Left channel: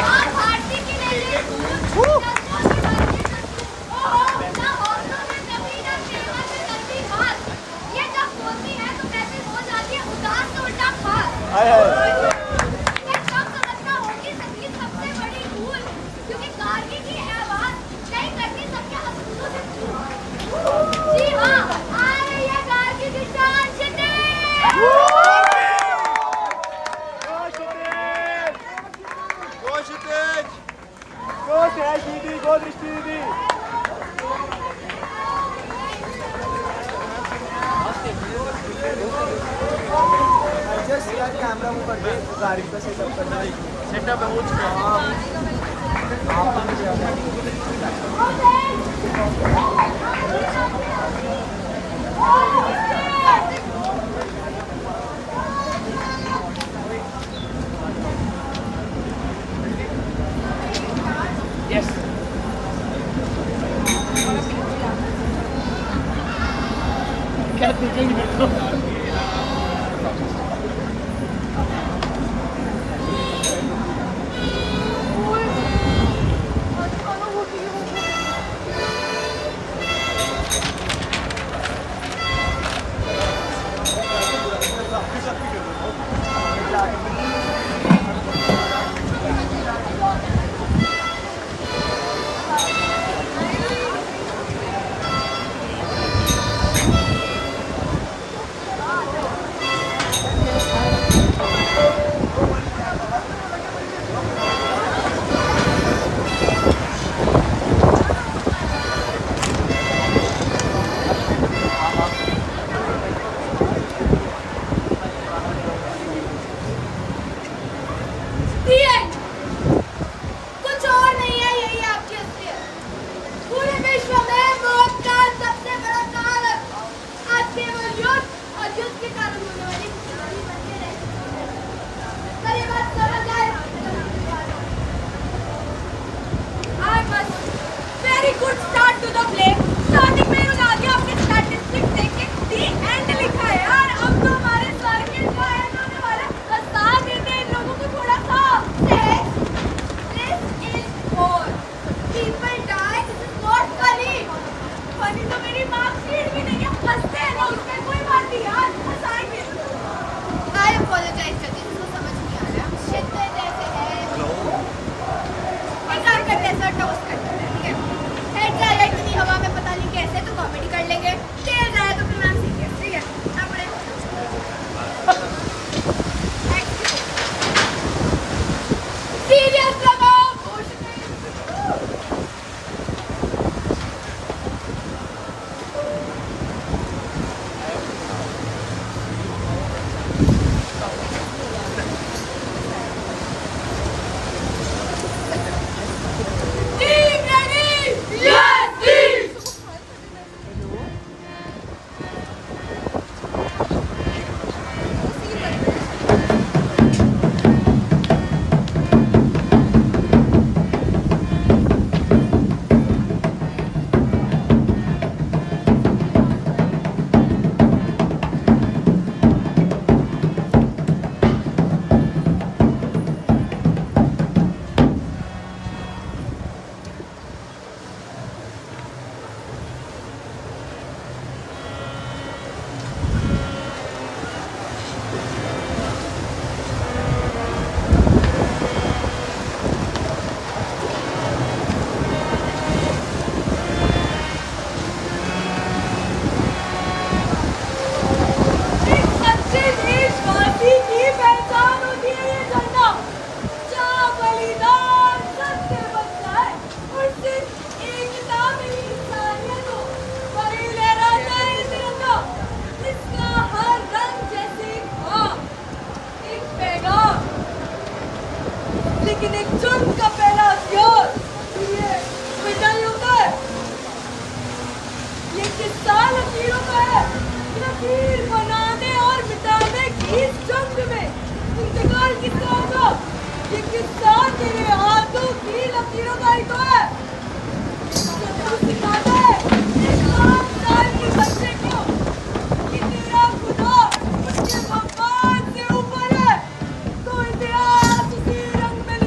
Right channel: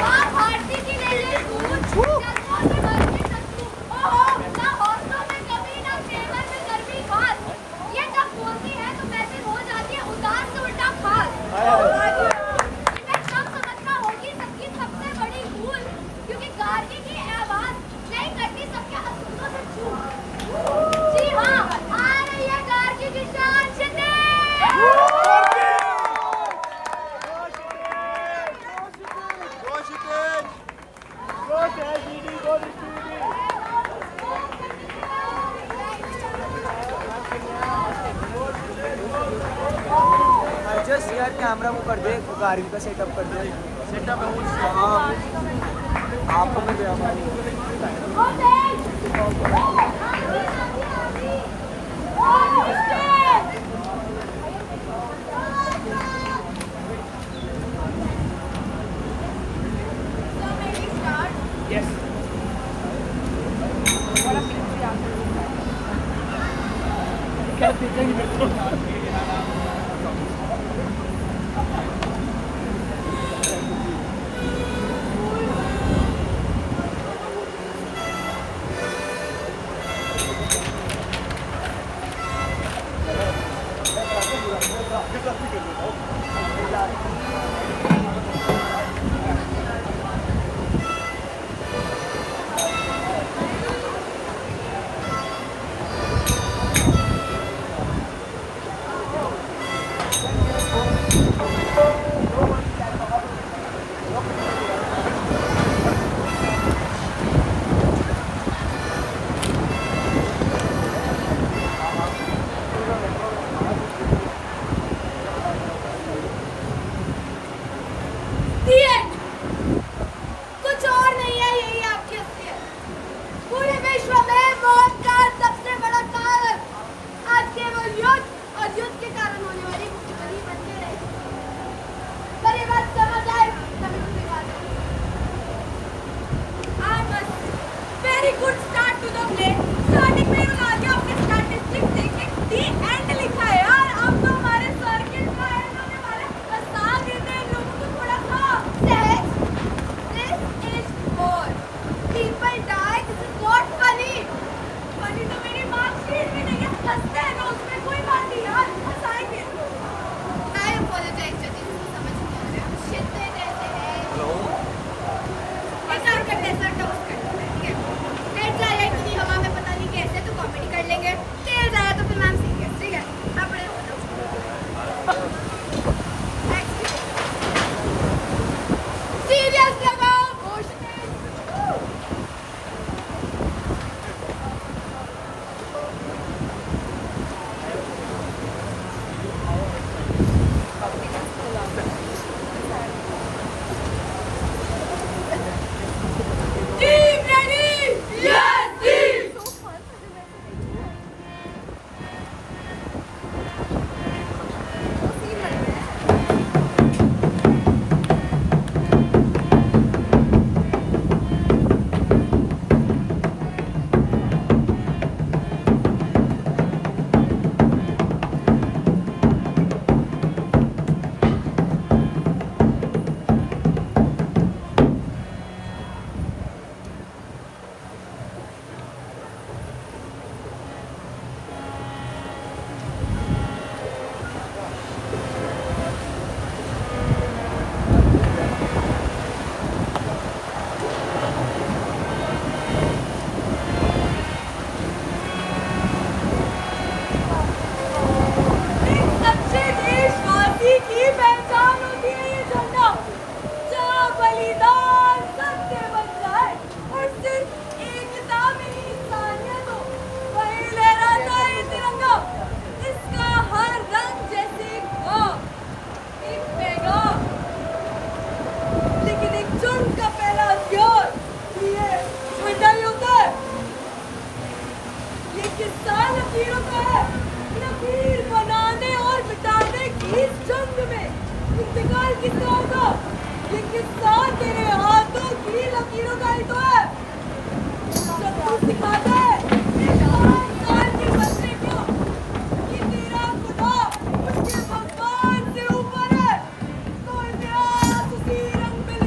माँ भारती की ले ले दूध, जज्बों से भर के सत्तू। ओहो, ना हौसलों में कमी, ना तेवर में गर्मी खास। ये जब बोलती है तो वैसे हो जाती है उदास से उल्टा खास। मैं कब समझना होगी सबकी सबसे बड़ी भूल, क्योंकि गार्गी की आवाज नहीं करती सबके असूलों से चूक। जी हाँ, आ रही है गार्गी की शान छिटे। सेटअप हो चुका है। यस क्या देखेंगे मेरे को कुछ और नहीं है, यही आपकी असलियत। पूरे विश्व में मौत का सबसे बड़ा कारण आज केवल युद्ध और युद्ध के कारण होने वाली कहानी बनते हैं। पर ये बात समझ आए। I must very good start to the play. Starting में लगा दिया अपने statistics देख के the end लिखा है यार। अब तो हमारे सर्किट का end होने वाला है। बस साथ देते हैं इन लोगों को थोड़ा सा sex. This is war. People die. This is not funny. Funny तो मेरी मार्कशीट भी नहीं है। हंसते हैं ना उसमें कोई बात नहीं यार। हंसाएंगे। I apologize जल्दी इसको समझ नहीं आ रहा है। हम shit में रहते हैं। एक काम करते हैं सर, टॉस करते हैं, ठीक है? हेड जाएगा इतनी हवा में पता नहीं कैसे, तो कॉमेडी कर लेंगे। टेल जाएगा तो फिर मैम सीरियस, ठीक है? आप बड़े सीरियस लगाओ। Team ready? Yes, team. लकीरों का है। लकीर बनाने और मिटाने की इस जंग में इंतकाल किसका होगा? ये किस्सा तेरे हाथों की लकीरों का ही तो है। जब तू सिखाता है इस 5 साल के बच्चे को कि तेरा खुदा उसके भगवान से ऊपर है, तो इतिहास उसी रंग में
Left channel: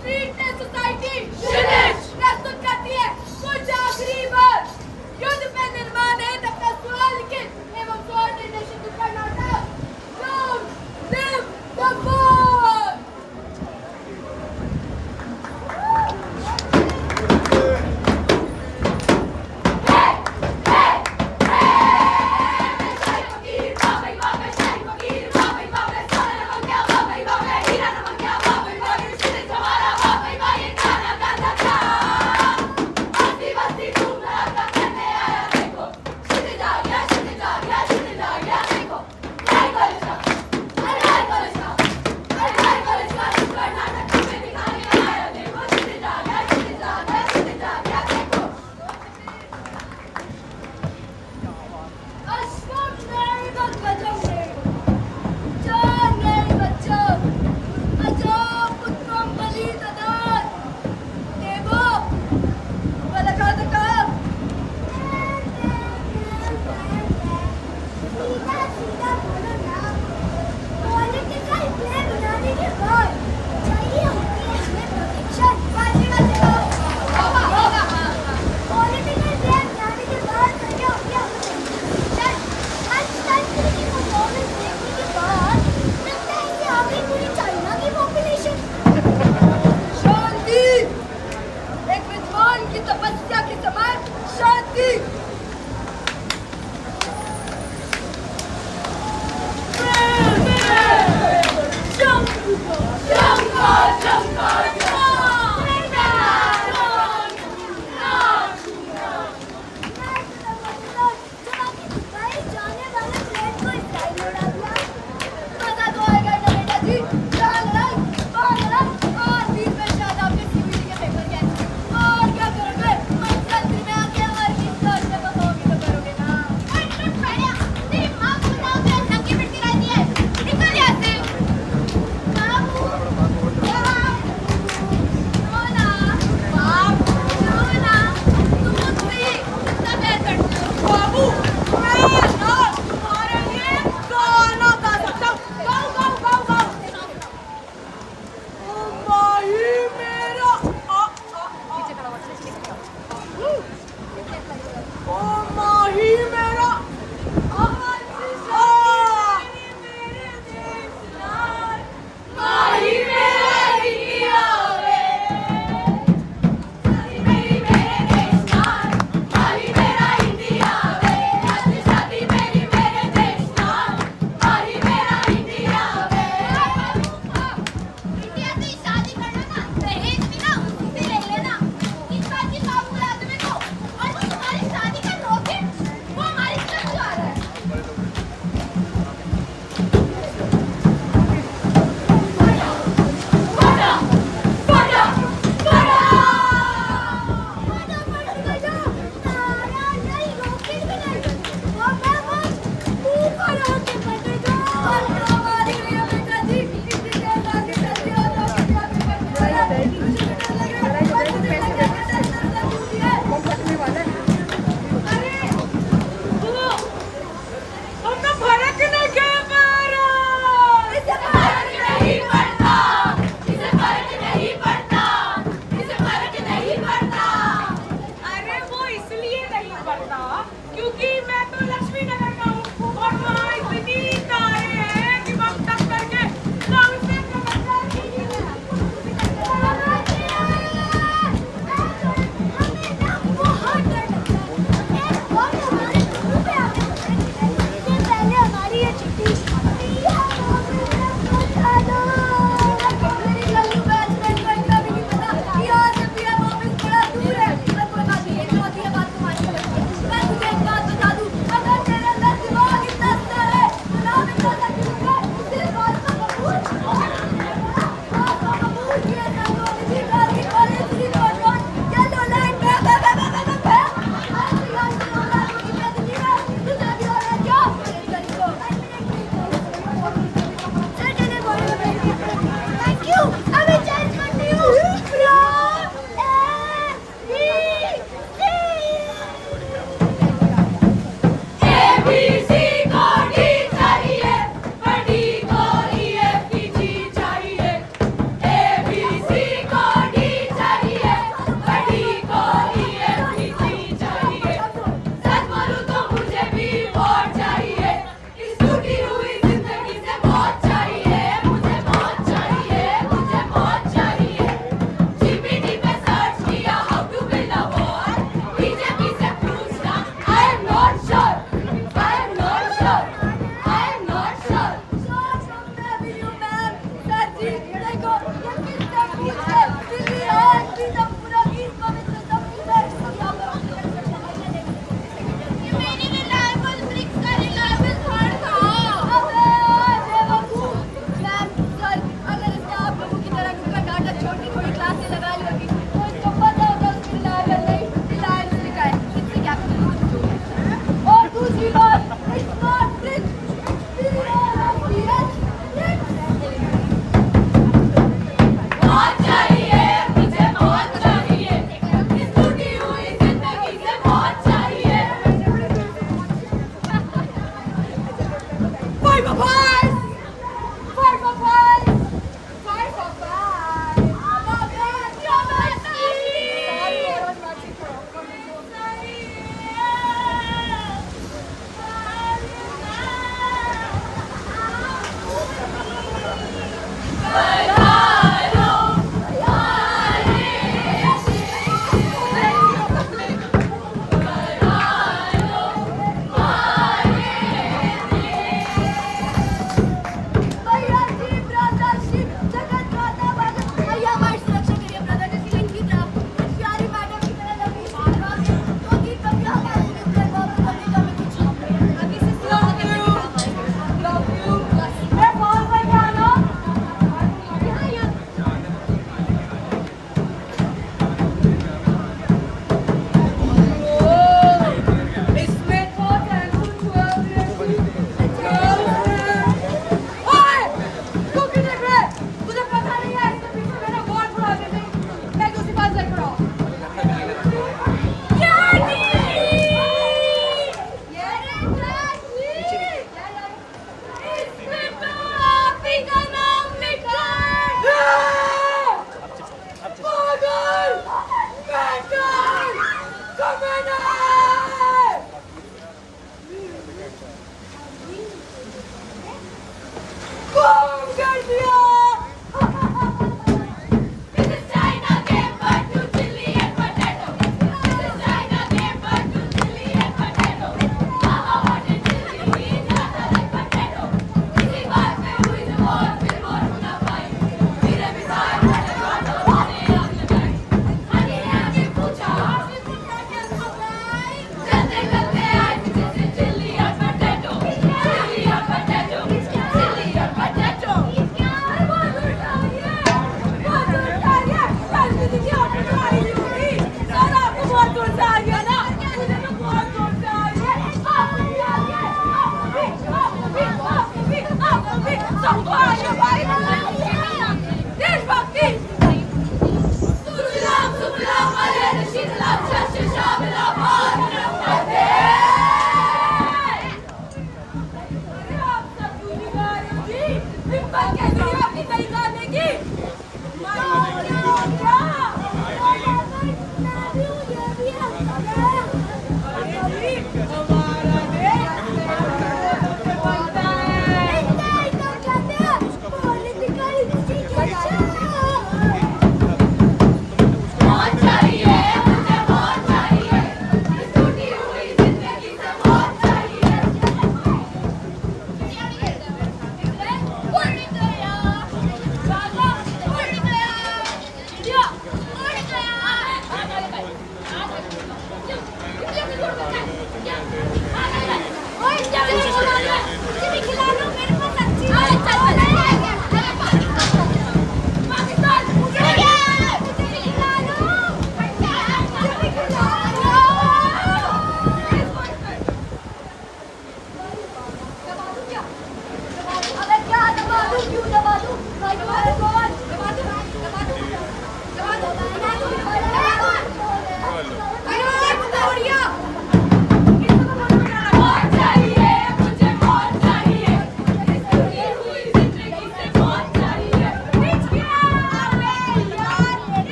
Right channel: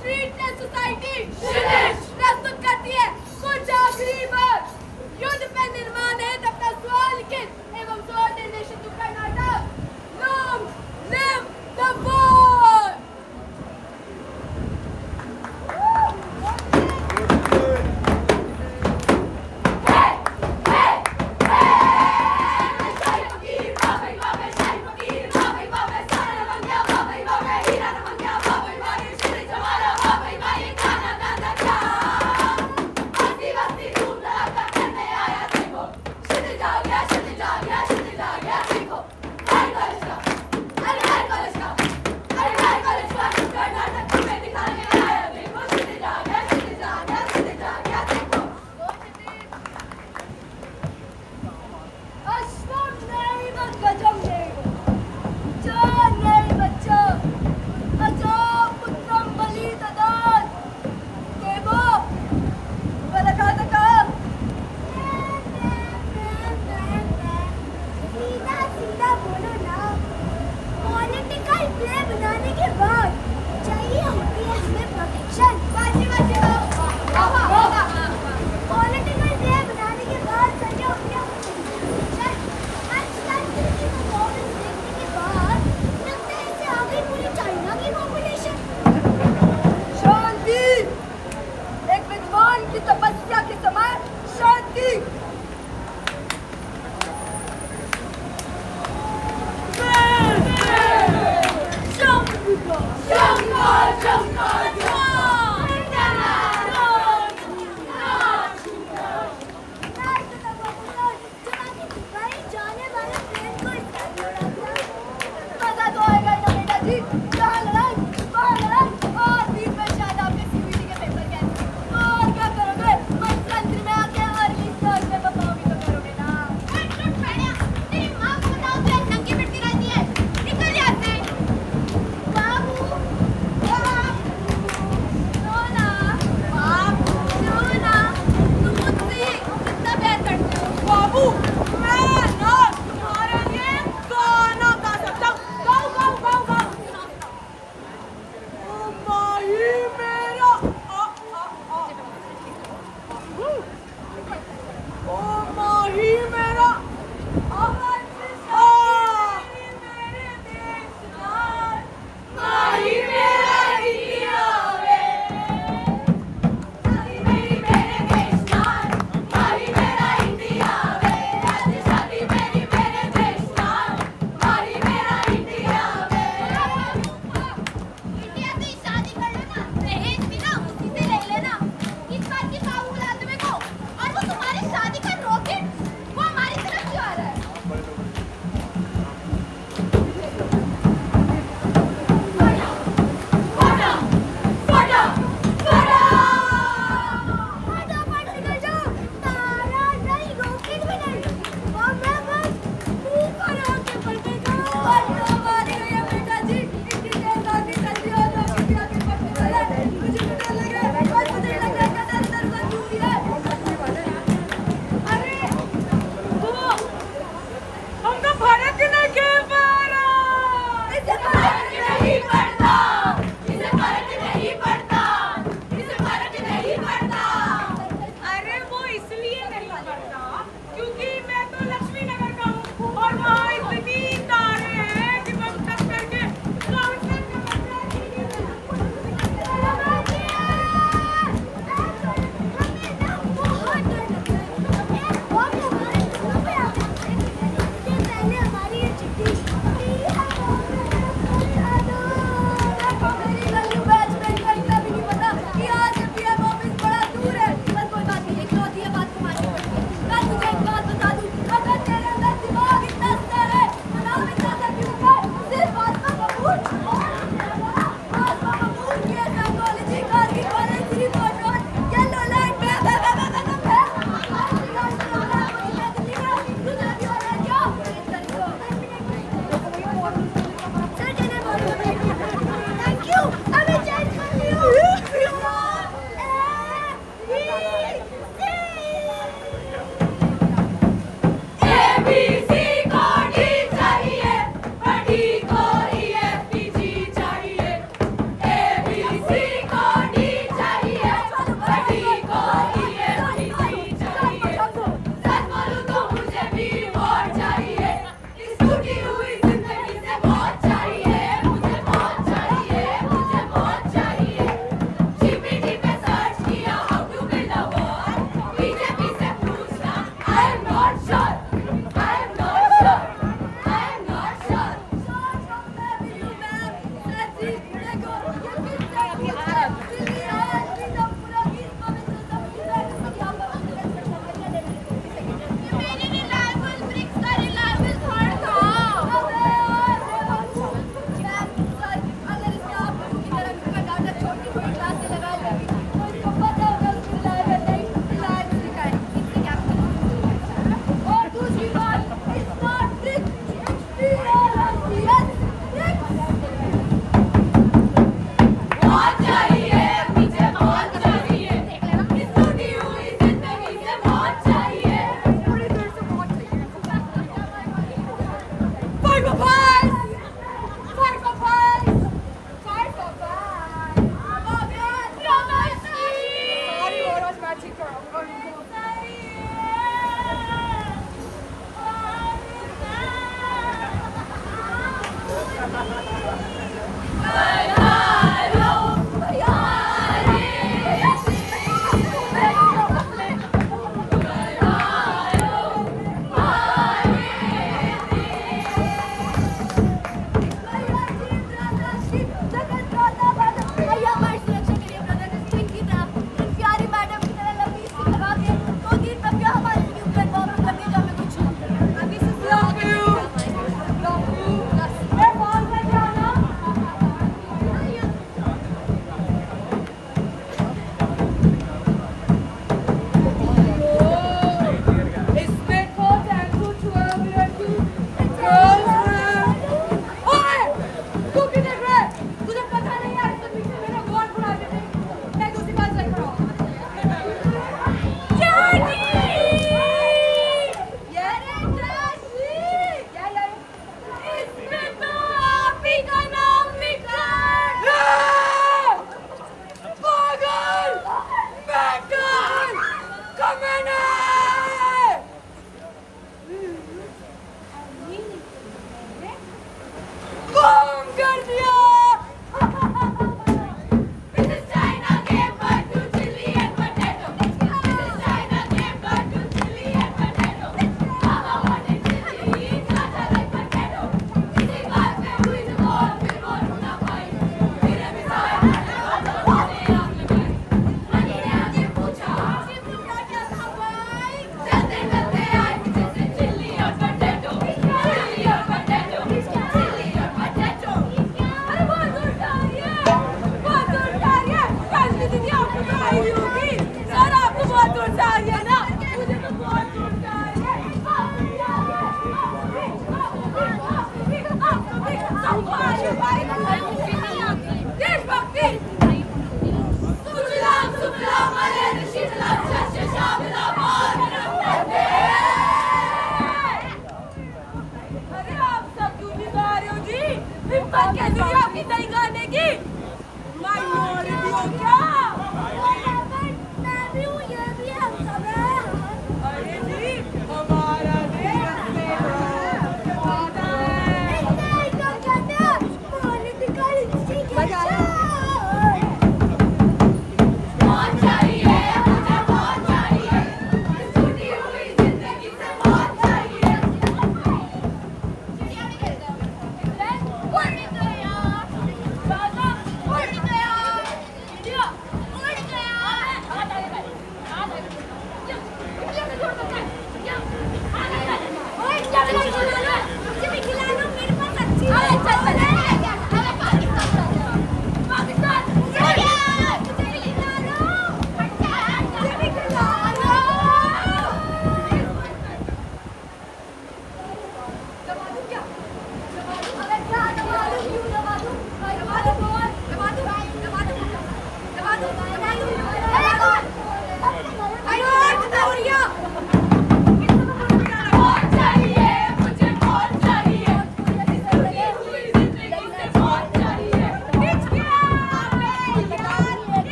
स्ट्रीट ने सोसाइटी प्रस्तुत करती है कुछ आखिरी बार। युद्ध पे निर्माण है अपना सवाल लिखित एवं स्वर निर्देशित नुक्कड़ नाटक Long live the war!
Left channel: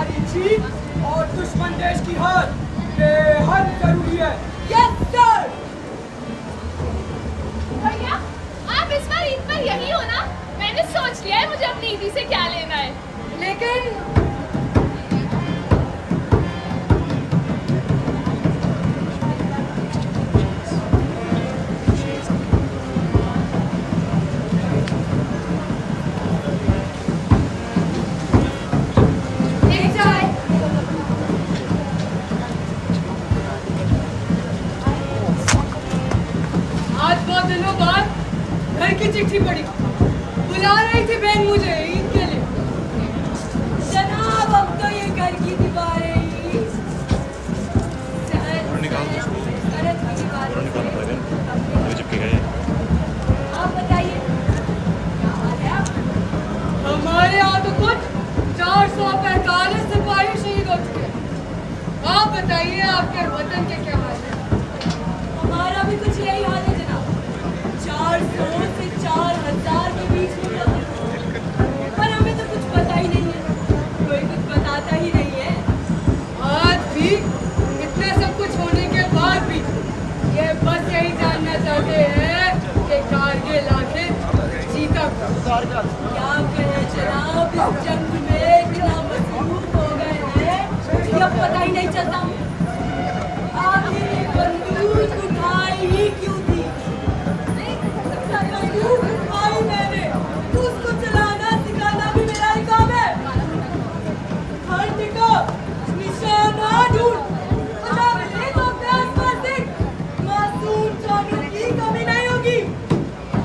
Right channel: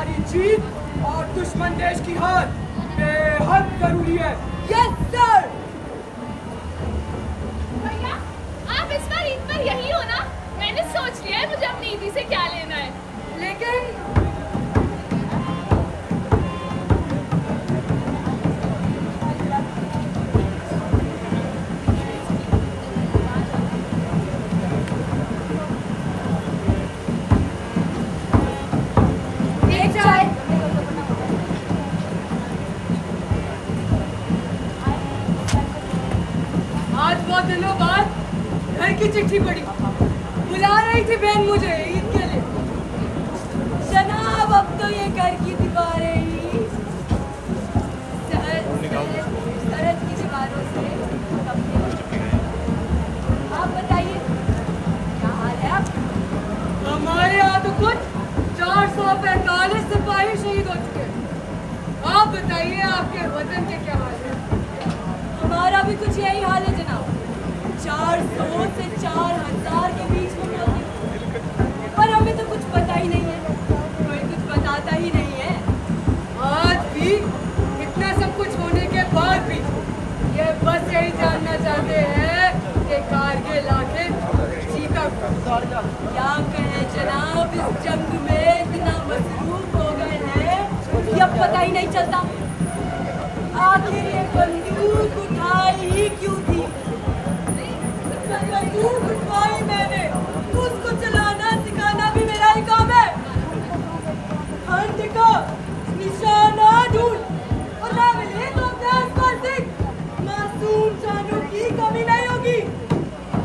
हमारी जीत और दुश्मन देश की हार बेहद जरूरी है। Yes sir. भैया आप इस बार ईद पर यही हो ना? मैंने सोच लिया है मुझे अपनी ईदी से क्या लेना है। लेकिन एक चाय। आज बहुत दिनों बाद घर की चिट्ठी पड़ी, बुला रही थी बहन मुझे ईद के लिए। जनाब अब तो ये घर की दीवारें ही सरहद की दीवारों से। आप बताइए क्या हाल है आप? हमारे यहाँ तो कुछ 445 सिपाही शहीद हो चुके हैं। आप बताइए आपके वतन के क्या हाल है? हमारा भी कुछ यही हाल है जनाब। 400 से 4000 के बीच में मौत है। पर हमें तो कुछ पता ही नहीं है, कोई कुछ बताता ही नहीं है। आज भी इतना सब कुछ होने के बाद भी ये बस यही जानना चाहते हैं कि कारगिल आखिर जीता कौन। क्या कहें जनाब, इस जंग में इतना मसरूफ हो गए हैं कि अब पता ही नहीं चलता आखिर ये बंदूक उठाई ही क्यों थी। बंदूक उठाई मैंने, उसको चलाना सिखाना भी मेरा ही काम है। खंड का निशाना ढूंढ और ना मिले तो अपने आसपास देख, मासूम जानों की कमी नहीं होगी।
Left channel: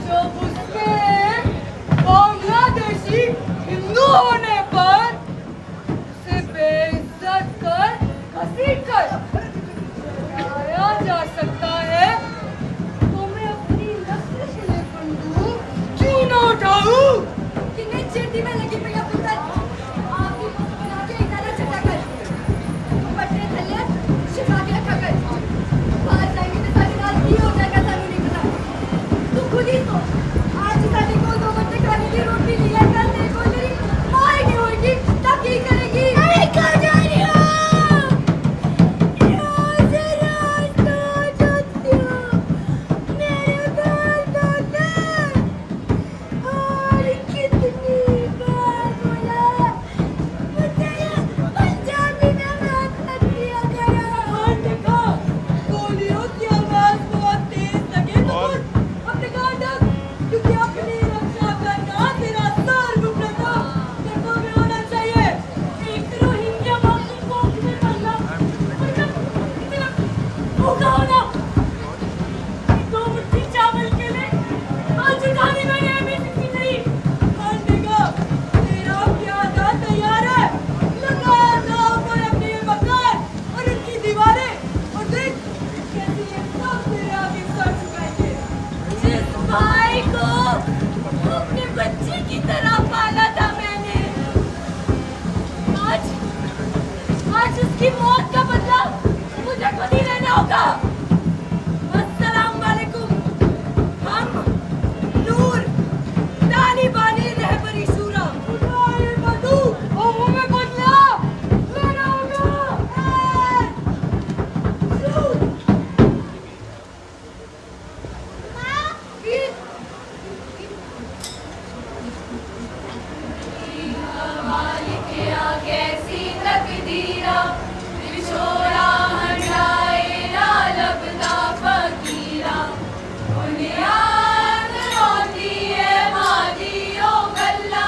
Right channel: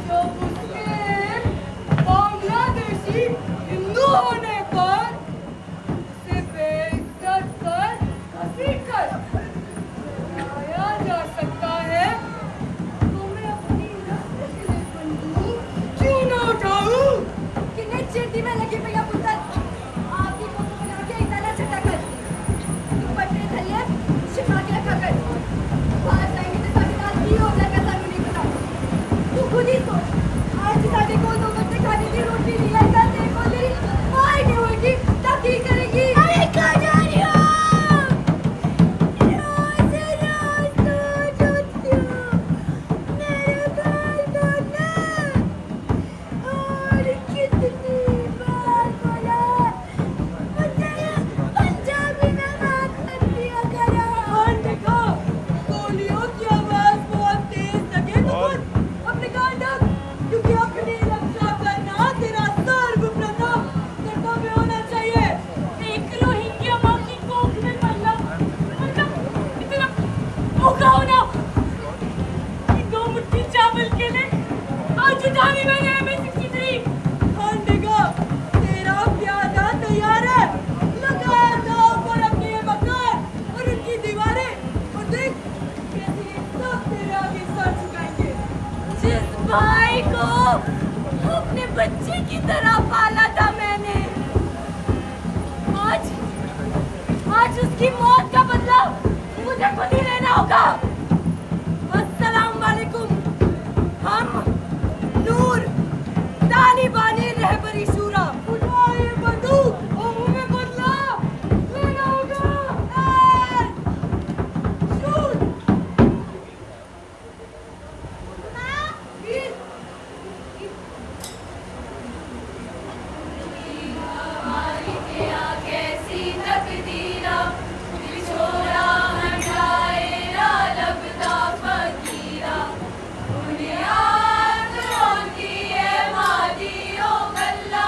जो उसके बांग्लादेशी हिंदू होने पर उसे बेइज्जत कर घसीट कर लाया जा सकता है, तो मैं अपनी नस्ल के लिए बंदूक क्यों ना उठाऊं? किन्ने चिड़ती में लगी पई पुत्र आपकी फोटो बना के इतना चटा कर दुपट्टे थल्ले छिपा के रखा कर। बाहर जाएंगे तो साढ़े रात की हो जाएगा, सानू नहीं पता। तू खुद ही सोच, आज साढ़े कोई 2 बच्चे खाने की रोटी नहीं है, कल तेरे को तेरी माँ ही नहीं होगी तो की करेगी? अरे कहाँ जा रही हो? रोज रोज रोज उठती हो मेरे बाल धोने, और कितनी बार बोला मुझे पंजाबी में बात मत किया करो। और देखो गोलियों की आवाज बहुत तेज लगे तो अपने गाँव तक, क्योंकि अपनी रक्षा करना तेरा सर्वप्रथम कर्तव्य होना चाहिए। एक रोहिंग्या माँ की कोख में पलना इतना भूखा हो गया। 2 मुट्ठी चावल के लिए आज उठानी मैंने M60 नहीं। खांडेगा तेरा प्यादा तैयार है, लगा दाव पर अपने ये मकान और इनकी दीवारें, और देख कैसे ये सब तेरे आगे सर झुकाएंगे। जिस भाई को अपने बच्चे की तरह पाला था मैंने, आज आज उसकी मौत का बदला मुझे खुद ही लेना होगा। अस्सलाम वालेकुम। हम नूर तालिबानी रहबरी शूरा उठाए बंदूक और हमें बदला लेना होगा। शूट। कैसी तकदीरा बिछोड़ा हटाए ना लगता फकीरा, बुनियाद होती है मादियो गल्ला।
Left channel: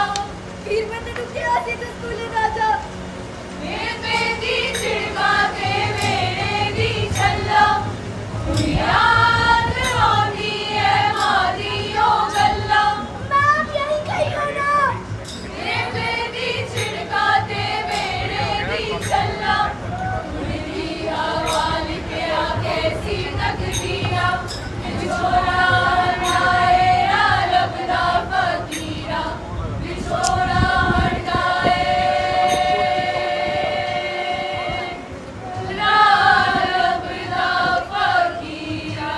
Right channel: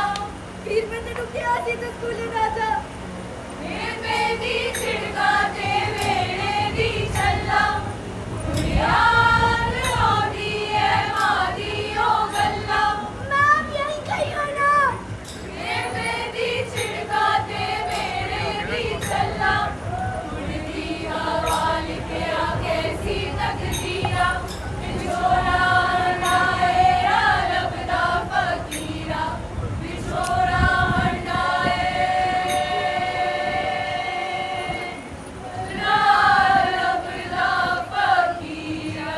फिर मैं तेरे क्या सी स्कूले राजा मेरे दी छिड़का के मेरे दी छल्ला, बुनियाद होती है मादियो गल्ला। मैं अब यही कही हो ना, मेरे दी छिड़का के मेरे दी छल्ला, उड़ती हवा लिखे कैसी तकदीरा बिछोड़ा हटाए ना लगता फकीरा, बिछोड़ा हटाए ना लगता फकीरा।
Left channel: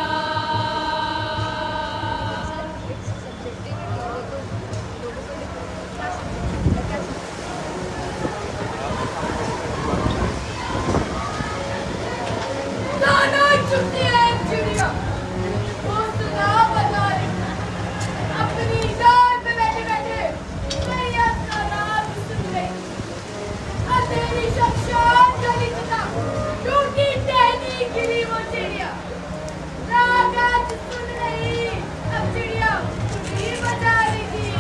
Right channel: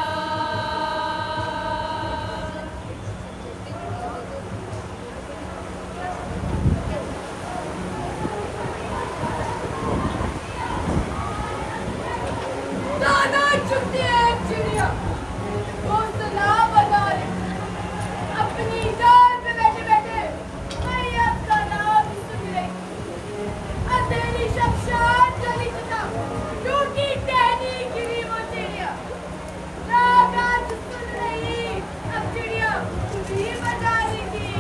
आज सुन नहीं, अब चिड़िया खुशी बजाएगी।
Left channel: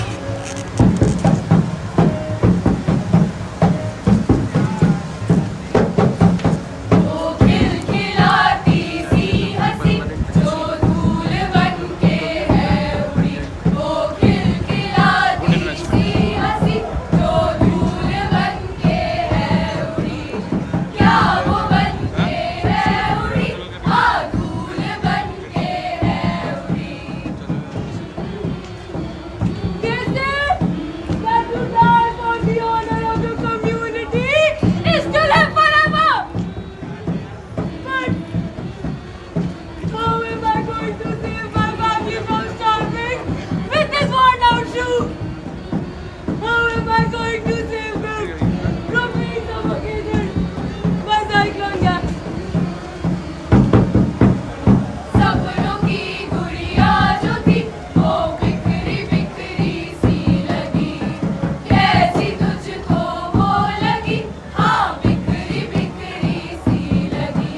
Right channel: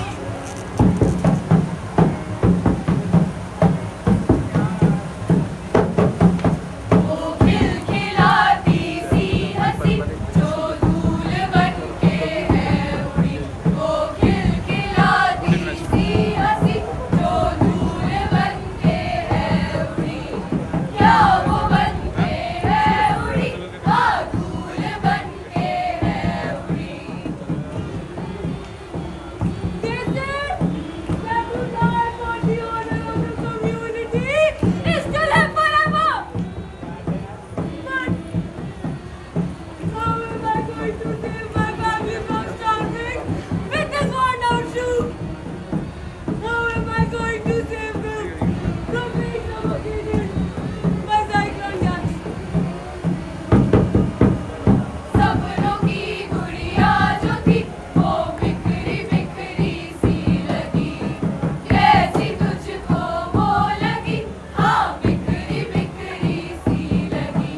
वो खिलखिलाती सी हंसी जो धूल बनके है उड़ी, वो खिलखिलाती सी हंसी जो धूल बनके है उड़ी, क्या वो बनके है उड़ी, हाँ धूल बनके है उड़ी। This is that to die for the honor of the community is to live forever. But how am I going to save my family from starving with this worn out shoe? How am I going to save them from being suffocated by cyclone gas? सपनों की गुड़िया जो थी वो बिखरी बिखरी सी लगी, कैसी तुझको वो लगी, हाँ बिखरी बिखरी सी लगी।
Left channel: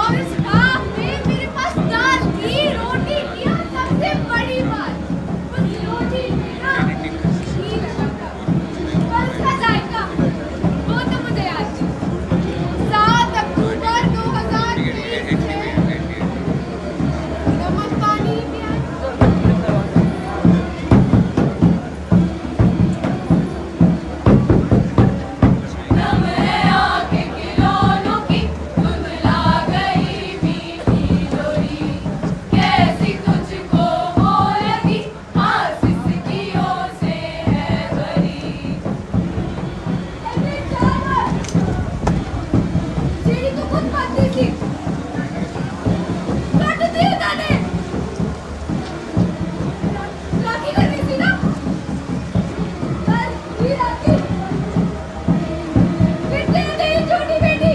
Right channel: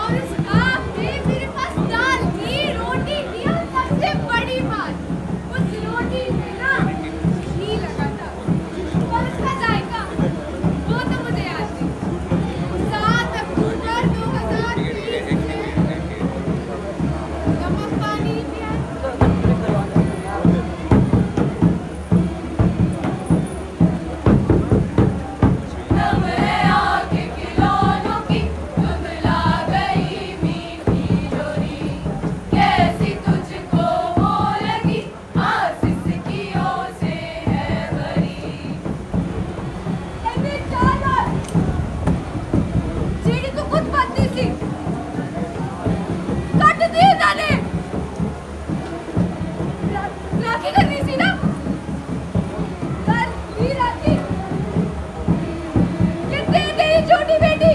और इस ख्वाब में मेरे पास दाल थी, रोटी थी और सबसे बड़ी बात उस रोटी में ना घी लगा था और उसका जायका वो तो मुझे याद है। 7 अक्टूबर 2023 से नमक पानी प्याज नम है आँख खिलौनों की धुंधला गई मीठी लोरी, कैसी तुझको वो लगी, हाँ सिसकियों से है भरी। सीढ़ी तो खुद खाती थी, काट दिए दाने, लाठी करनी थी ना, पर ही लाठी। कितने तेरी छोटी बेटी,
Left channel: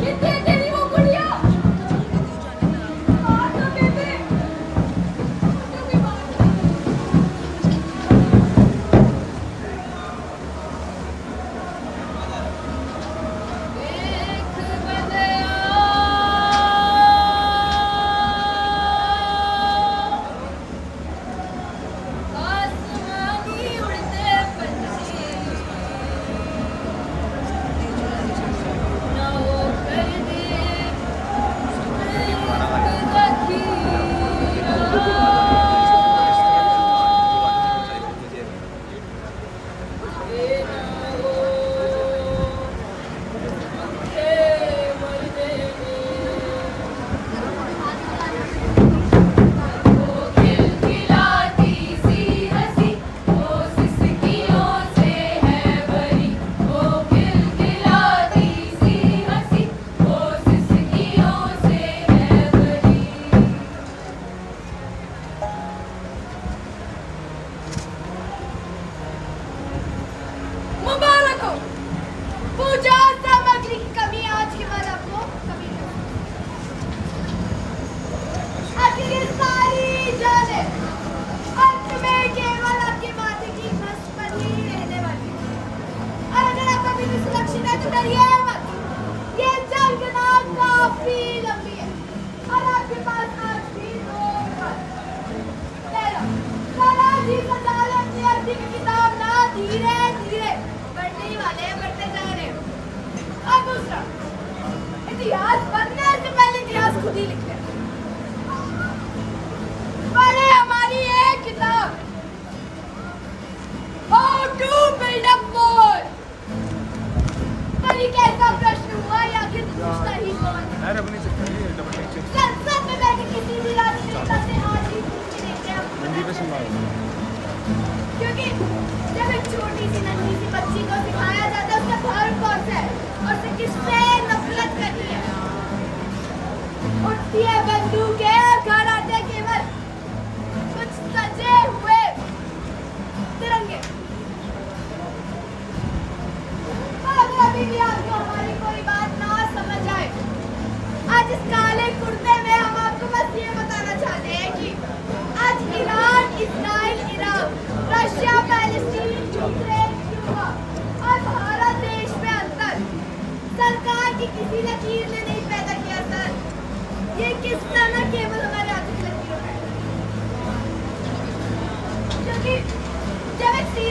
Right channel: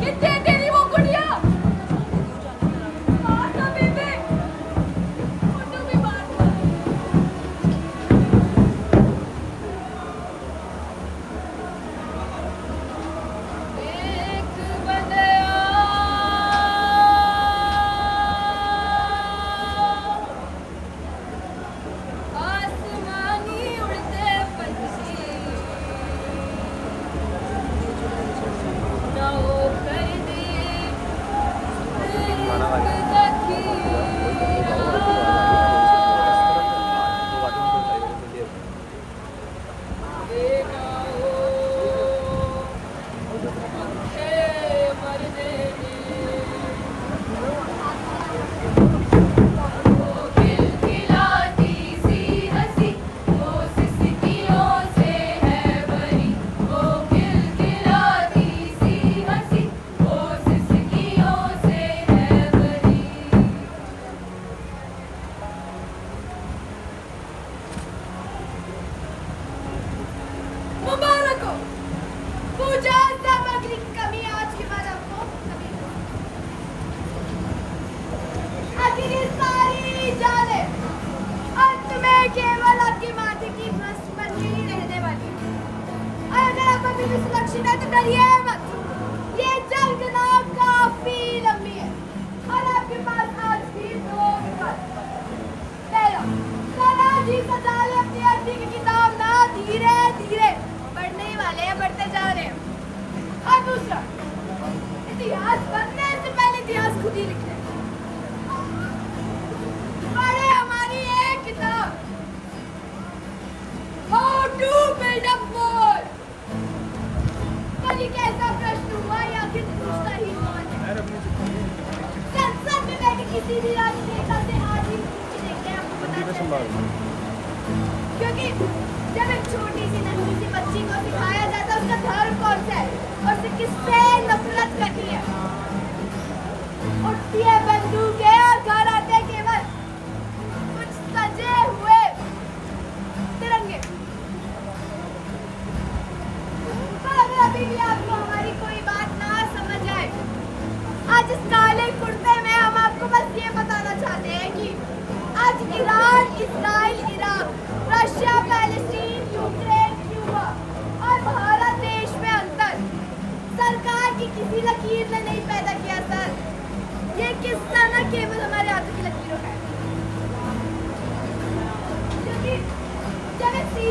कितने तेरी वो गुड़िया, और तो बेबे, फोटो की बात एक बंदया आसमानी उड़ते पंछी ना वो कर दे वो खिलखिलाती सी हंसी वो सिसकियों से है भरी, वो खिलखिलाती सी हंसी वो सिसकियों से है भरी। मुबारक हो, पूजा सामग्री की कमी आज के बाद आपको कभी नहीं। आखिर ये सारी जाने अंत में केवल आपके माथे की भस्म बनी ही रहने वाली है। और अगर आप अभी भी सुरक्षित है तो डरिए मत, ये जंग ना काफी लंबी है और आपके पास आज भी 2 वक्त। पहला, तानाजी सजाले अपनी अर्थी की किताब ना धीरे धीरे बढ़ने ही वाले हैं, बढ़ते जा रहे हैं। और दूसरा, इतिहास बनने से पहले इतिहास खुद ही लिखते हैं। पढ़े हमारी एक किताब How to build a wall। पर ये कैसा प्रश्न हुआ या आखिर पूछता ही कौन है? संसद में बैठे किसी भी राजनेता से आज ही पूछ के देखते हैं, आपको पता चलता है। क्योंकि जब एक छोटी सी नन्ही सी बच्ची को सिखाया जाता है उसका धर्म कौन सा है और उसे किससे नफरत करनी है, उठती है बंदूकें और घर आते केवल कुछ सजे हुए तिरंगे। पर अगर अभी भी आपको हमारी कोई बात ना समझ आए, आज इस काले कुर्ते में हम आपको बस ये बताना चाहते हैं कि आज Iran, Israel, Iraq, Russia, Palestine, Ukraine, Cuba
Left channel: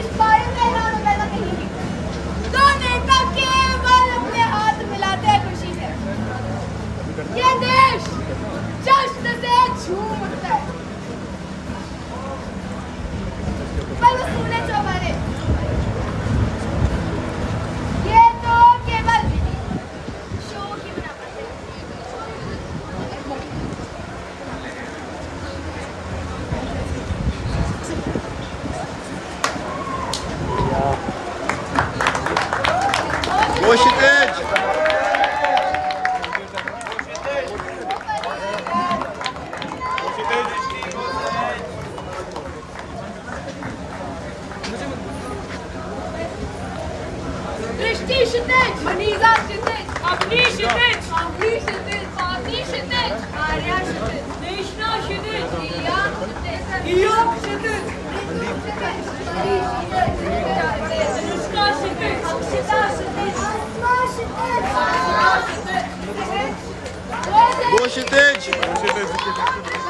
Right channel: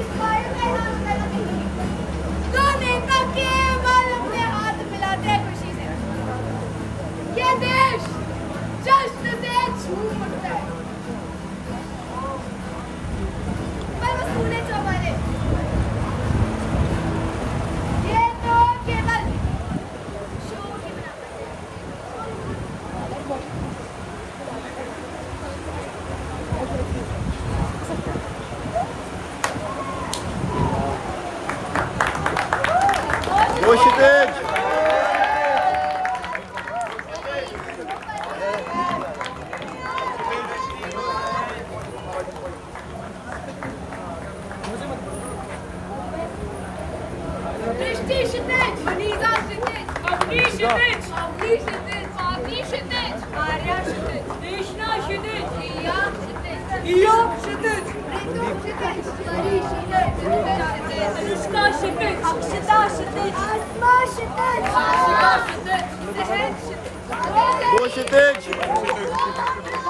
smile में इन्होंने पैदा की दो नेता केवल अपने हाथ मिलाते हैं खुशी से ये देश जश्न से झूम उठता है पर वो सुने चौबारे ये तो केवल शो की बना पाते Go Kshitij! दृष्टि क्षितिज मनीषा क्षितिज अवनी क्षितिज अवनी क्षितिज पावनी क्षितिज आर्या क्षितिज देशना क्षितिज रिया क्षितिज रिया क्षितिज ऋतु क्षितिज परी क्षितिज अनुष्का क्षितिज अक्षिता क्षितिज आत्मा क्षितिज आत्मा क्षितिज Go Kshitij!